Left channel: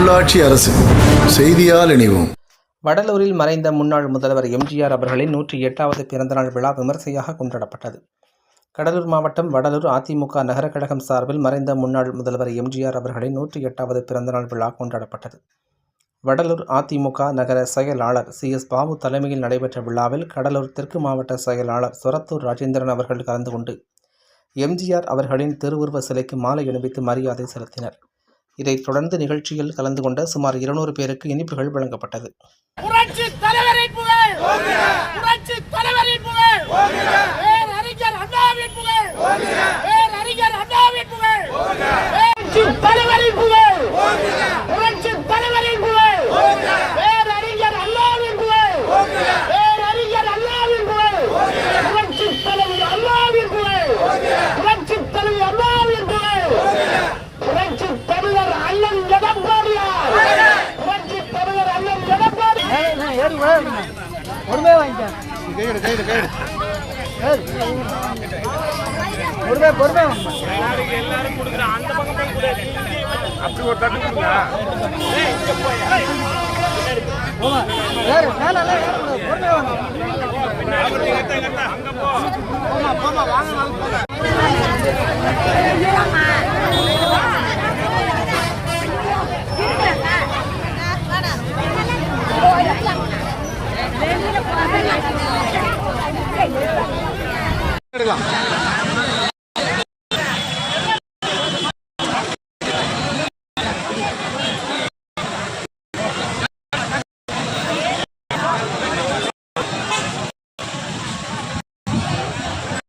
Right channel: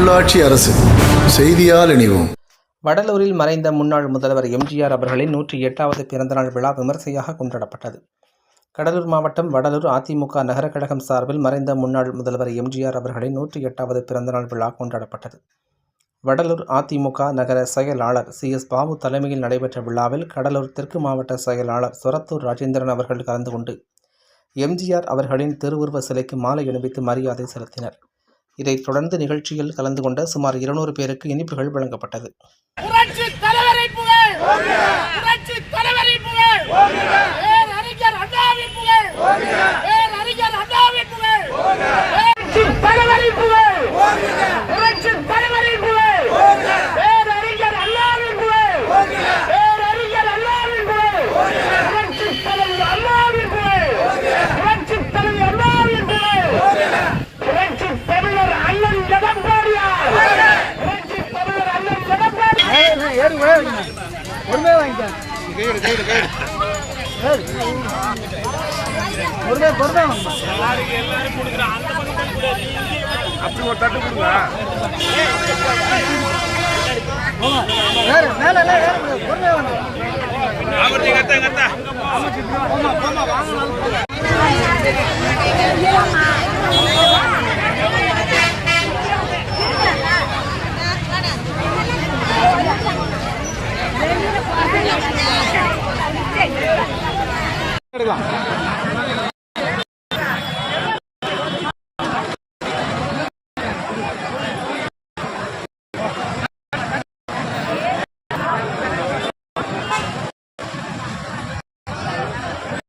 உள்ளாட்சி அரசு. செய்தியால் இணைவோம். வடலூரில் மறைந்த முன்னாள் முதல்வர் எம்ஜிஆர் அவர்களின் நூற்றி எட்டாவது பிறந்தநாள் விழா விமர்சையாக கொண்டாடப்பட்டது. கடலூர் மாவட்டம் வடலூர் அதிமுக நகர கழகம் சார்பில் மறைந்த முன்னாள் முதல்வர் எம்ஜிஆர் அவர்களின் நூற்றி எட்டாவது பிறந்தநாள் விழா கொண்டாடப்பட்டது. வடலூர் அதிமுக நகர செயலாளர் சி. எஸ். பாபு தலைமையில் நடைபெற்ற விழாவில் கடலூர் தெற்கு மாவட்ட செயலாளர் சொரத்தூர் ராஜேந்திரன் அவர்கள் கலந்து கொண்டு எம்ஜிஆர் அவர்களின் திருவுருவ சிலைக்கு மாலை அணிவித்து மரியாதை செலுத்தினர். இதைத் தொடர்ந்து நிகழ்ச்சியில் கலந்து கொண்ட சுமார் இருநூறு பேருக்கு இனிப்புகள் வழங்கப்பட்டது. புரட்சி தலைவரின் புகழ்! பொறுமையா வாங்கிட்டேன் பொறுமையா பொறுமையா வேற மேல வேற பொறுமையா வாங்க போமா. போமா வாங்க போங்க 对了